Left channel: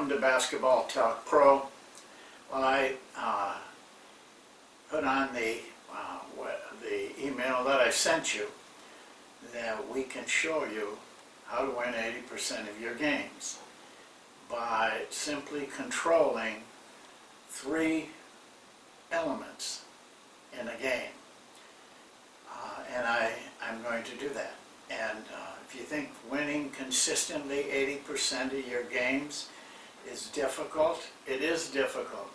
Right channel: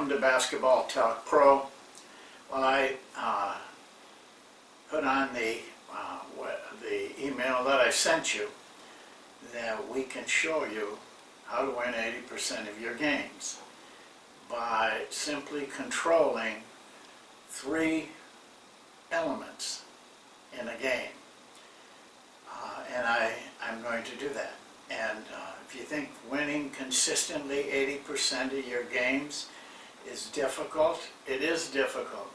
welcome to Basketball Talk Pro. Well, I put on the email that I sent you that we can show you how to win 80% of your games by simply controlling 3 elements in a game. And I'm going to do that. And if you think winning consistently 80% of your games is difficult, it is difficult.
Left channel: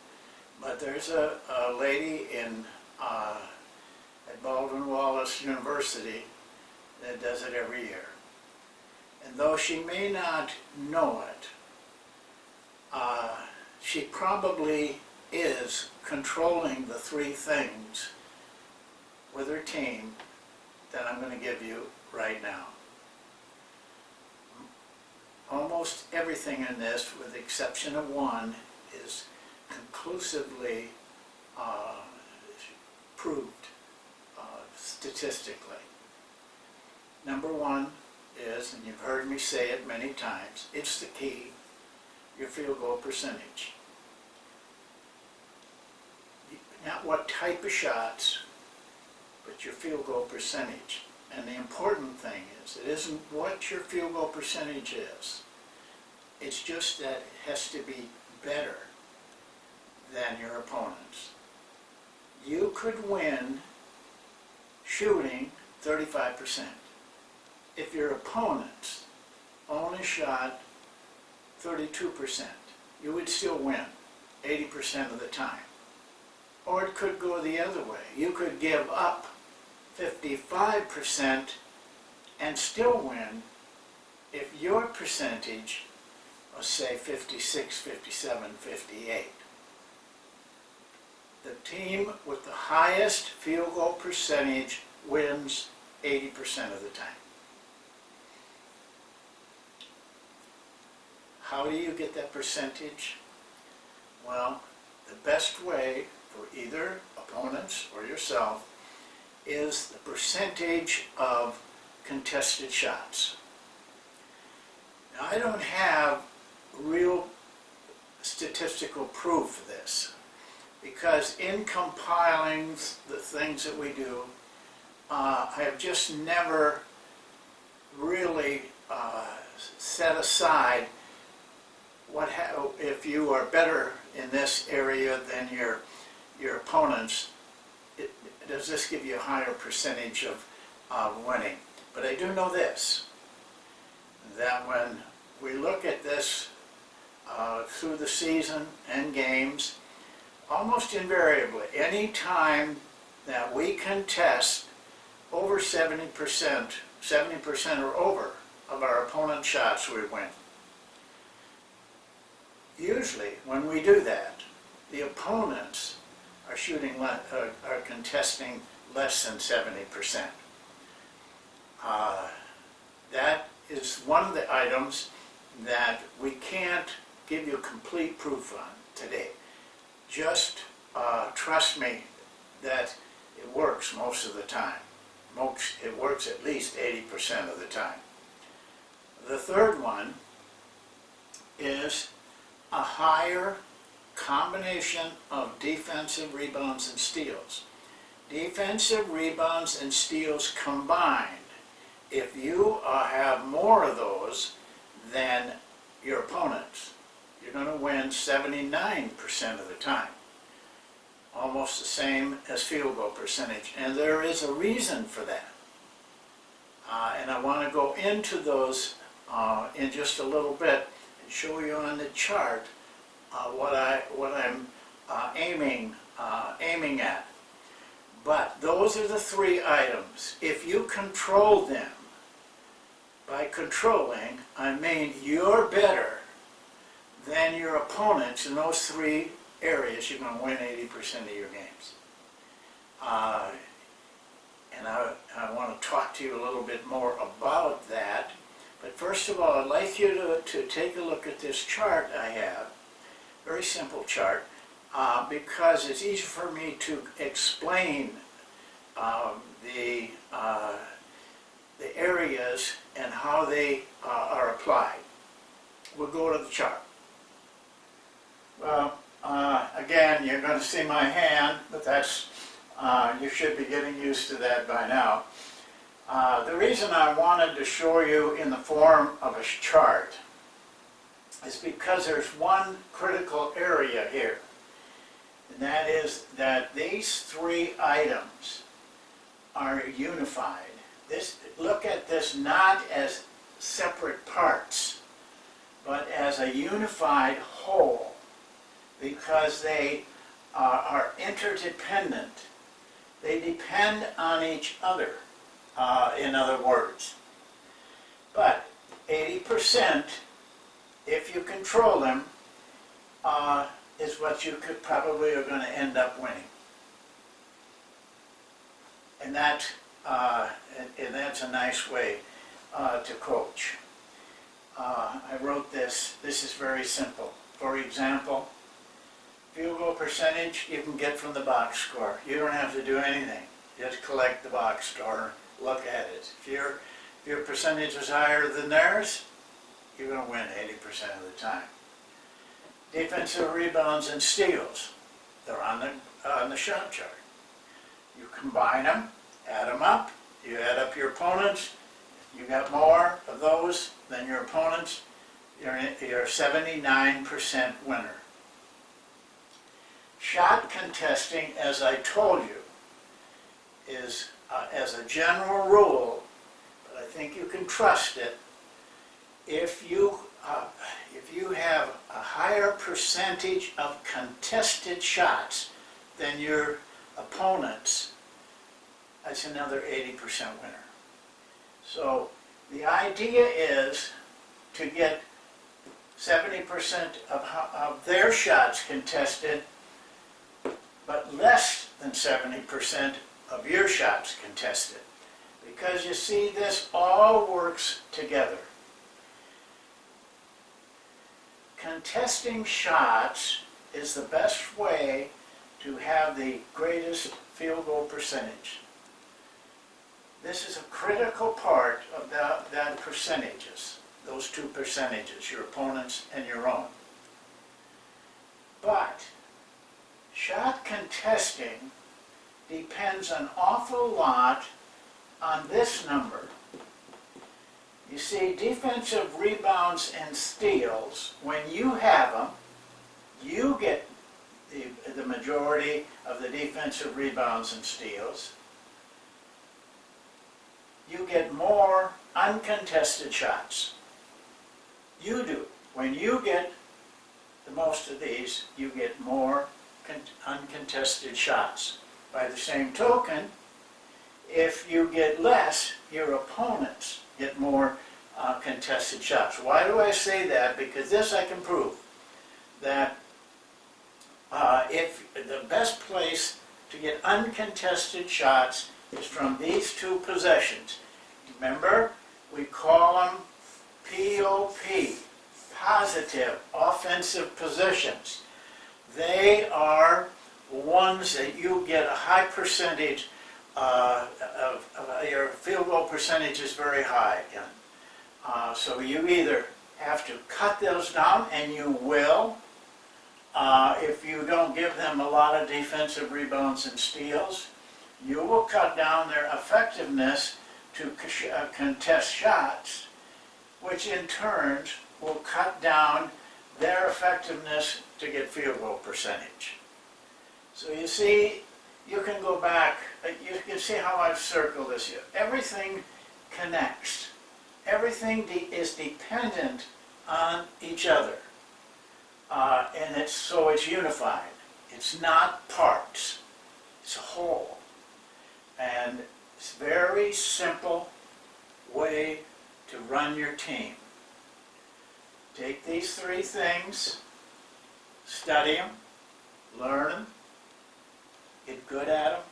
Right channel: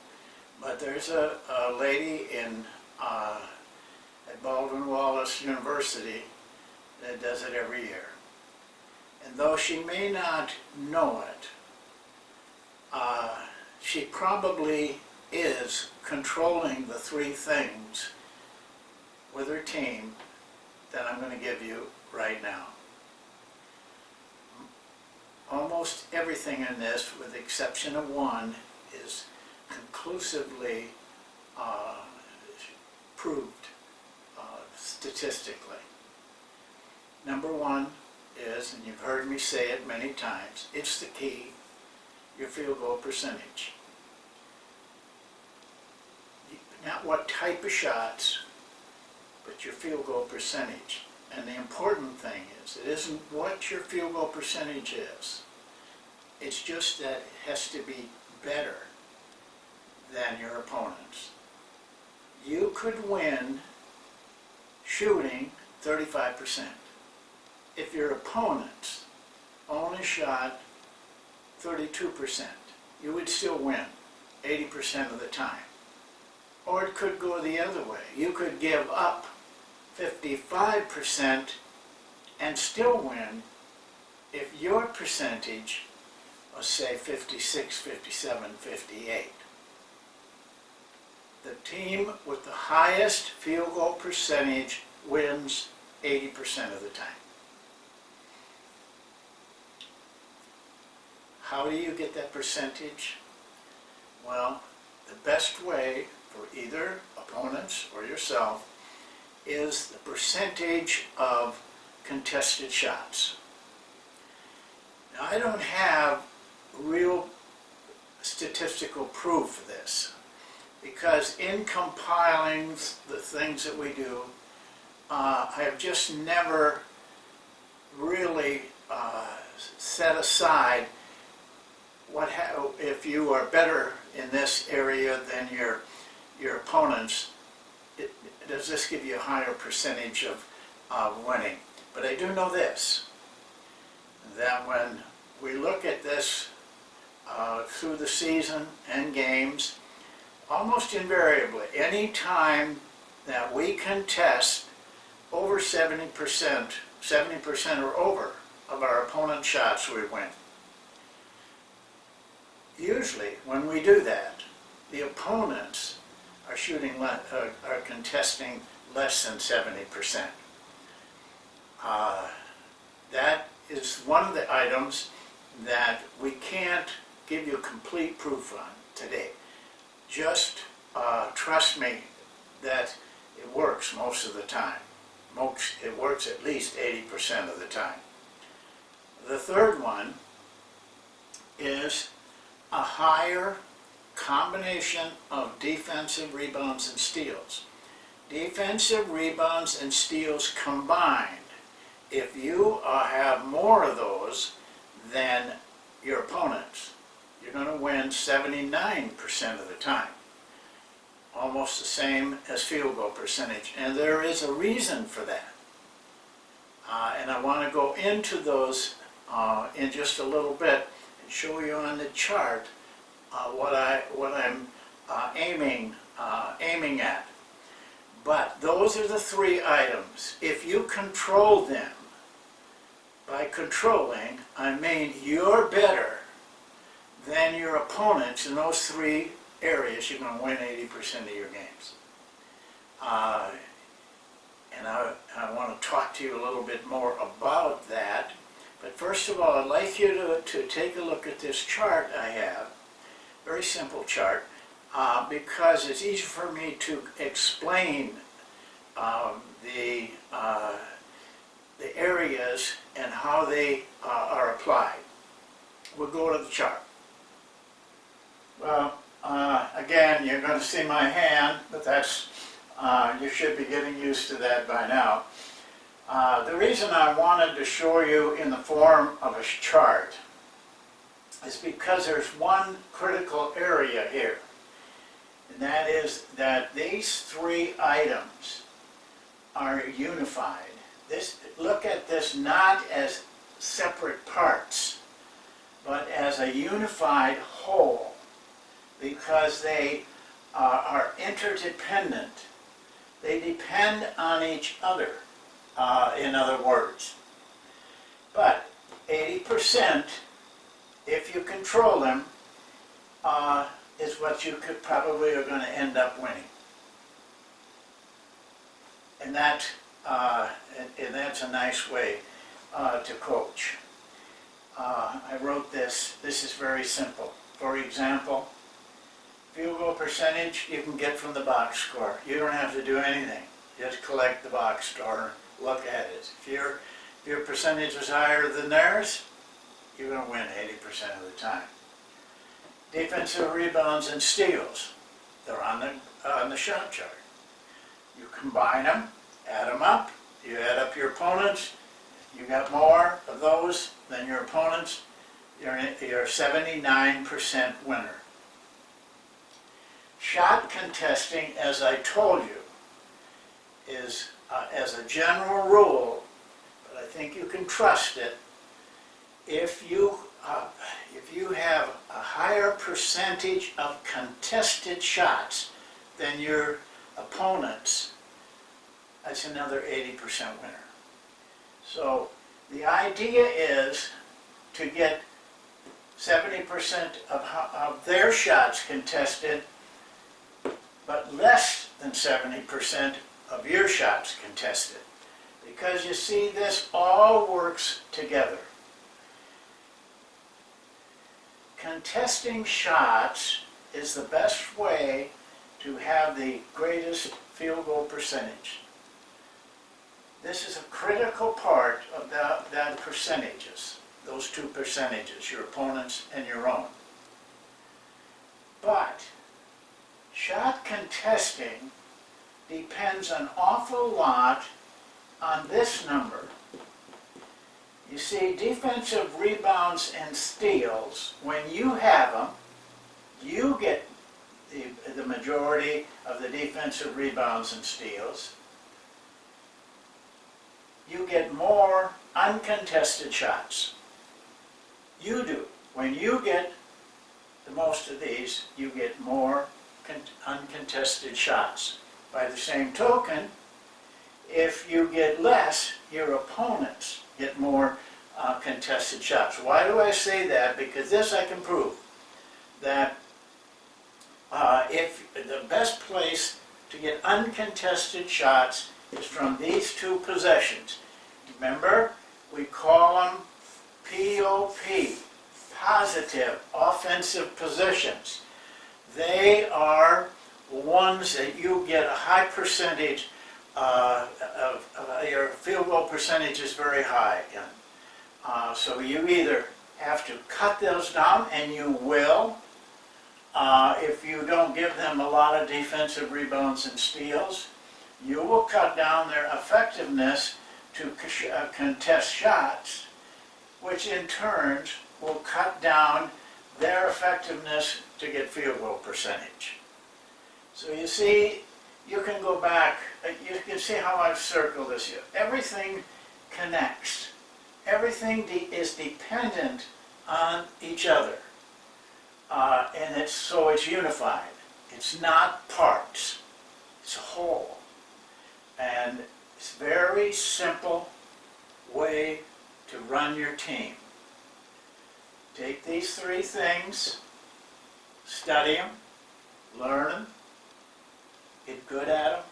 But there's a lady at Baldwin Wallace University that does it every year. And though she may not know it, she probably is controlling the 3 things with her team that I'm going to give you right now. Almost everything in this, with the exception of one, is conclusively proved statistically. Number 1 is, and you've heard me say it many times, it's the key, your field goal percentage. Not what type of shots, but your field goal percentage. And the important thing is, it isn't what your field goal percentage is. It's just that it has to be better than your opponents. You could win shooting 35%. If your opponents only shot 32%, you would still win 80% of the time. Or it could go the other way. You could give up 55% and still win if your percentage was, say, 56, 57, 58. The team with the highest field goal percentage wins 80% of the time. How do you get that percentage? Well, the best way for either opponents or yourself is the percentage of contested shots. Now, I don't have real statistical proof of this, because in compiling the things that we do, I have just never really set aside if you are better in this area than your opponents, does this give you a higher percentage of winning? But I do know this, that when we look at this through the season and games, almost invariably, any time that we contest over 70% or over of our opponent's shots, we win. Usually, when we do that, the opponents are are contesting less than 70%. That is one of the items that we can't give you complete proof on today. Just trust me that it works most of the time. It works at least 80% of the time. The third one is a higher combination of defensive rebounds and steals. Defensive rebounds and steals combined, if you have more of those than your opponents, you're going to win 79% of the time. Almost the same as field goal percentage. And there is a reason for that. And I want to go into those in just a little bit and show you on the chart what I'm aiming at. But those are the 3 items. If you control them, by controlling, I mean you're better than your opponents in those 3 areas, you're going to win 80% of your games. And I want to talk to you a little bit more about that. But first of all, I'd like you to take a look at this chart I have. Very simple chart, because it's easy for me to explain the areas and how they are applied. We'll go to the chart. Well, again, you're going to see my hand, but that's, you should be getting used to that by now. The reason I wanted to show you in the form of a chart is because there's one critical area here. And that is that these three items are unified. Look at this not as separate parts, but as a unified whole, because they are interdependent. They depend on each other, in other words. But 80%, if you control them, is what you could probably are going to end up winning. And that's a nice way to coach. I wrote this. This is very simple. For example, field goal percentage you can get from the box score. You don't have to do anything. Just collect the box score, look at it. If your percentage is higher than theirs, you're going to win 80% of the time. Defensive rebounds and steals, they're on the shot chart. You combine them, add them up, you add up your opponents, you got more of those than your opponents, you're 79% winner. Shot contesting, as I told you, is as a general rule, but I think you can trust it, if you have a higher percentage of contested shots than your opponents, that's another 80% winner. So the idea is to get 70% of their shots contested, but less than 70% of your shots contested. Because you see, this all works together. Contesting shots is the best way to have the greatest field goal percentage. This is a critical part of that percentages, those two percentages, your opponent's and your own. But shot contesting depends an awful lot on this number. You see, defensive rebounds and steals, when you have them, you get the majority of the defensive rebounds and steals. You get more uncontested shots. You do. When you get the most of these, you get more uncontested shots. By the same token, if you get less, your opponents get more contested shots. Why do I say that? Because this I can prove, that if the best place to get uncontested shots is from these two possessions. Remember, we call them POP, positive offensive possessions. They are ones that you get a high percentage your field goal percentage is very high in. So you either have to cut those down, and you will, if you don't give them a lot of defensive rebounds and steals. You will cut down their effectiveness to contest shots, which in turn will cut down their effectiveness to get field goal percentage. So you see, you can go back, you can see how I've circled this here. Everything connects. Everything is dependent on each other. And so it's unified. It's not parts. It's a whole. And it's a very simple way to run your team. Take these three things, study them, learn them, get good at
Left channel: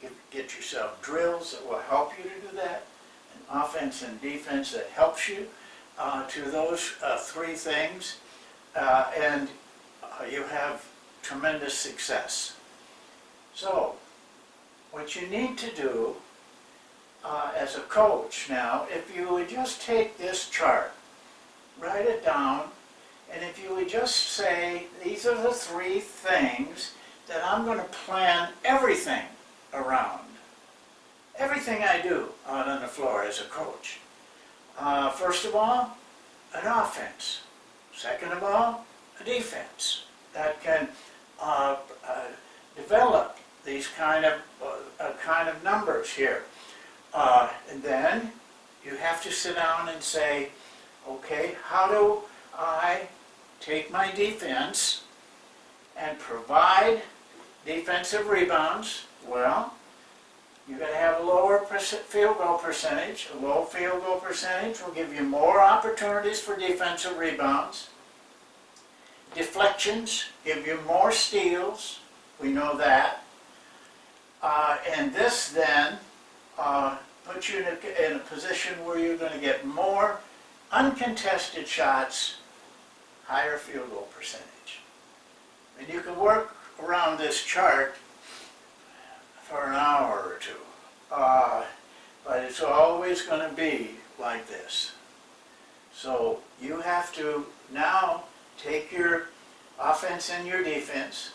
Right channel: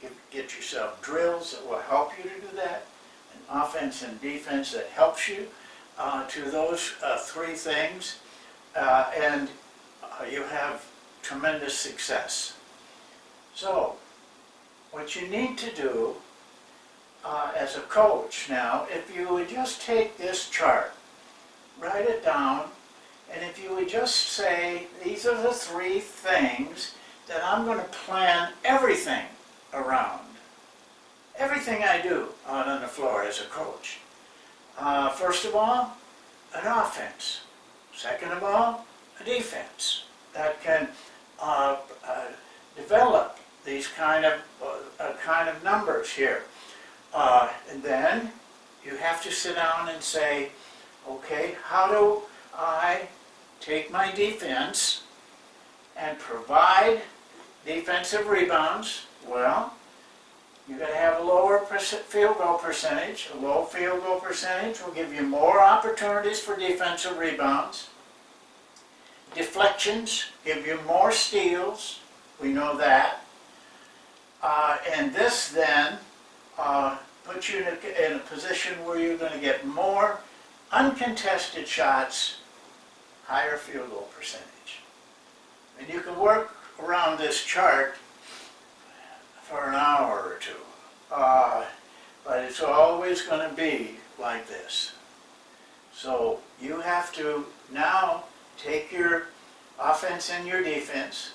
them, get yourself drills that will help you to do that, and offense and defense that helps you to those three things, and you have tremendous success. So, what you need to do as a coach now, if you would just take this chart, write it down, And if you would just say, these are the three things that I'm going to plan everything around. Everything I do out on the floor as a coach. First of all, an offense. Second of all, a defense that can develop these kind of numbers here. And then you have to sit down and say, okay, how do I take my defense and provide defensive rebounds? Well, you're going to have a lower field goal percentage. A low field goal percentage will give you more opportunities for defensive rebounds. Deflections give you more steals. We know that. And this then puts you in a position where you're going to get more uncontested shots, higher field goal percentage. And you can work around this chart for an hour or two. But it's always going to be like this. So you have to now take your offense and your defense.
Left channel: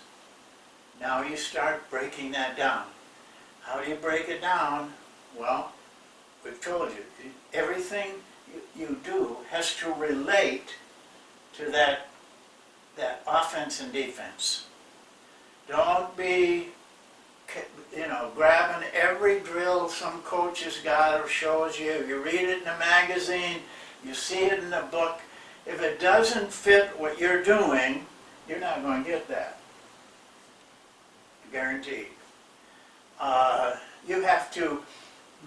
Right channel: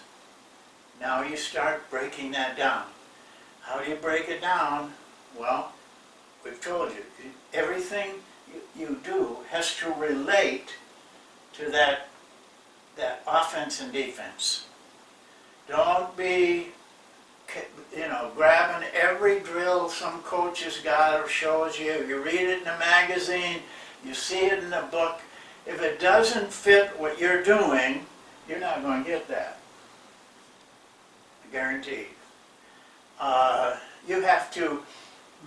Now you start breaking that down. How do you break it down? Well, we've told you, everything you do has to relate to that offense and defense. Don't be, grabbing every drill some coach has got or shows you. You read it in a magazine, you see it in a book. If it doesn't fit what you're doing, you're not going to get that. Guaranteed. You have to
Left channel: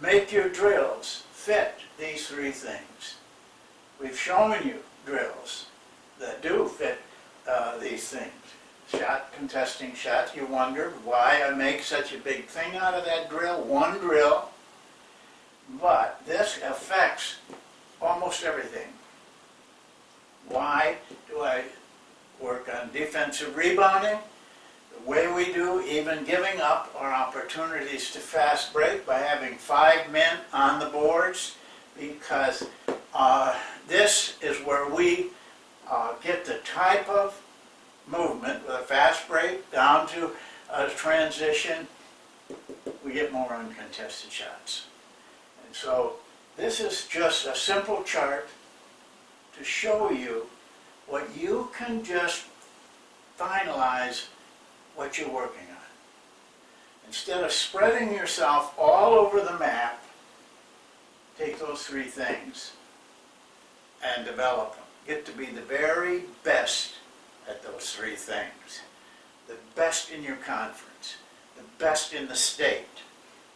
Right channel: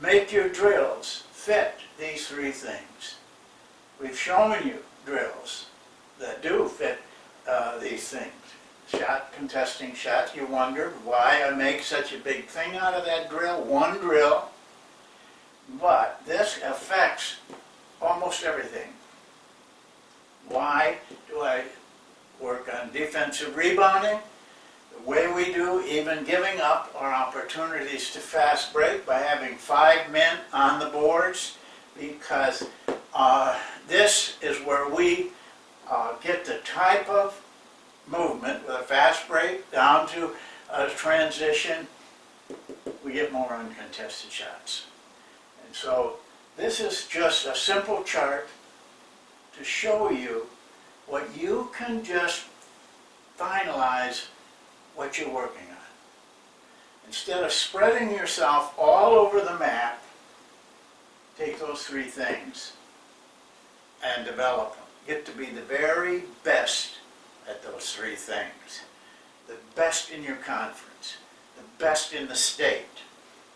make your drills fit these three things. We've shown you drills that do fit these things. Shot, contesting shots. You wonder why I make such a big thing out of that drill, one drill. But this affects almost everything. Why do I work on defensive rebounding? The way we do, even giving up our opportunities to fast break by having 5 men on the boards, because this is where we get the type of movement with a fast break down to a transition. We get more uncontested shots. And so this is just a simple chart to show you what you can just finalize what you're working on. Instead of spreading yourself all over the map, take those three things and develop them. Get to be the very best at those three things. The best in your conference, the best in the state,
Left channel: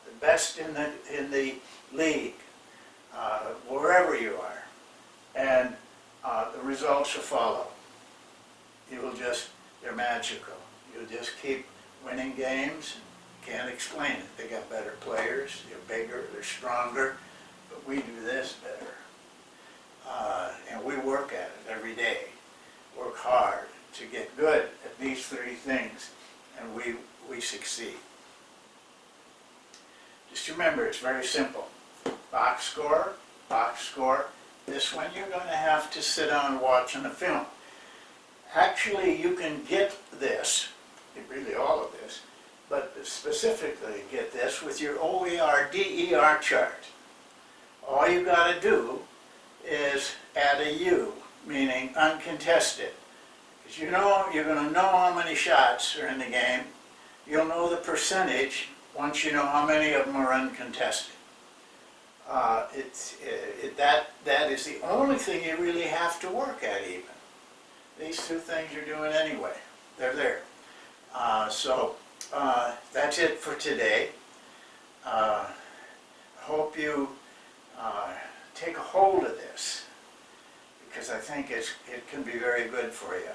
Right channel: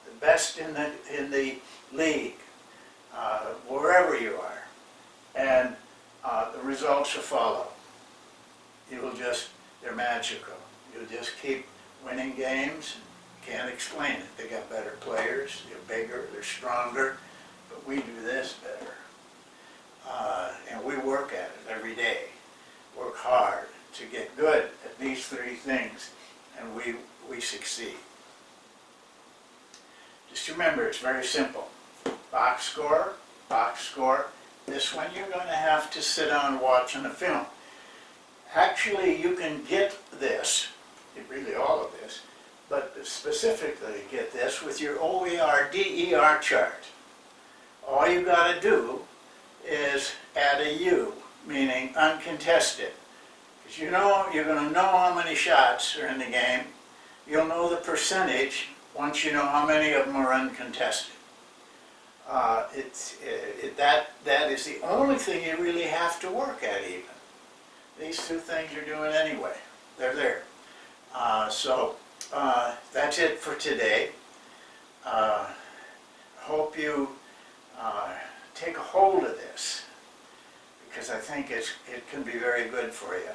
the best in the league, wherever you are. And the results will follow. They're magical. You'll just keep winning games. You can't explain it. They got better players, they're bigger, they're stronger, but we do this better. And we work at it every day. Work hard to get good at these three things, and we succeed. Just remember, it's very simple. Box score, box score. This one you're going to have to sit down watching the film. Actually, you can get this, really all of this, but specifically get this with your OER DER chart. All you got to do is add a U, meaning uncontested. Because you're going to know how many shots are in the game. You'll know the percentage once you know how many of them are uncontested. That is the only thing you really have to work at even. These two things you're doing anyway. They're there. So that's it for today. Hope you take a hold of this, because I think it can be very good for you.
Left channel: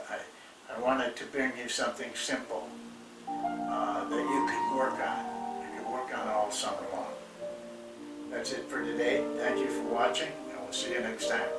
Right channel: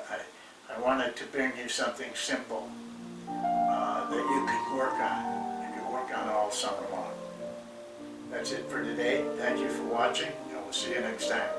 I wanted to bring you something simple that you can work on. You can work on all summer long. That's it for today. Thank you for watching, and we'll see you next time.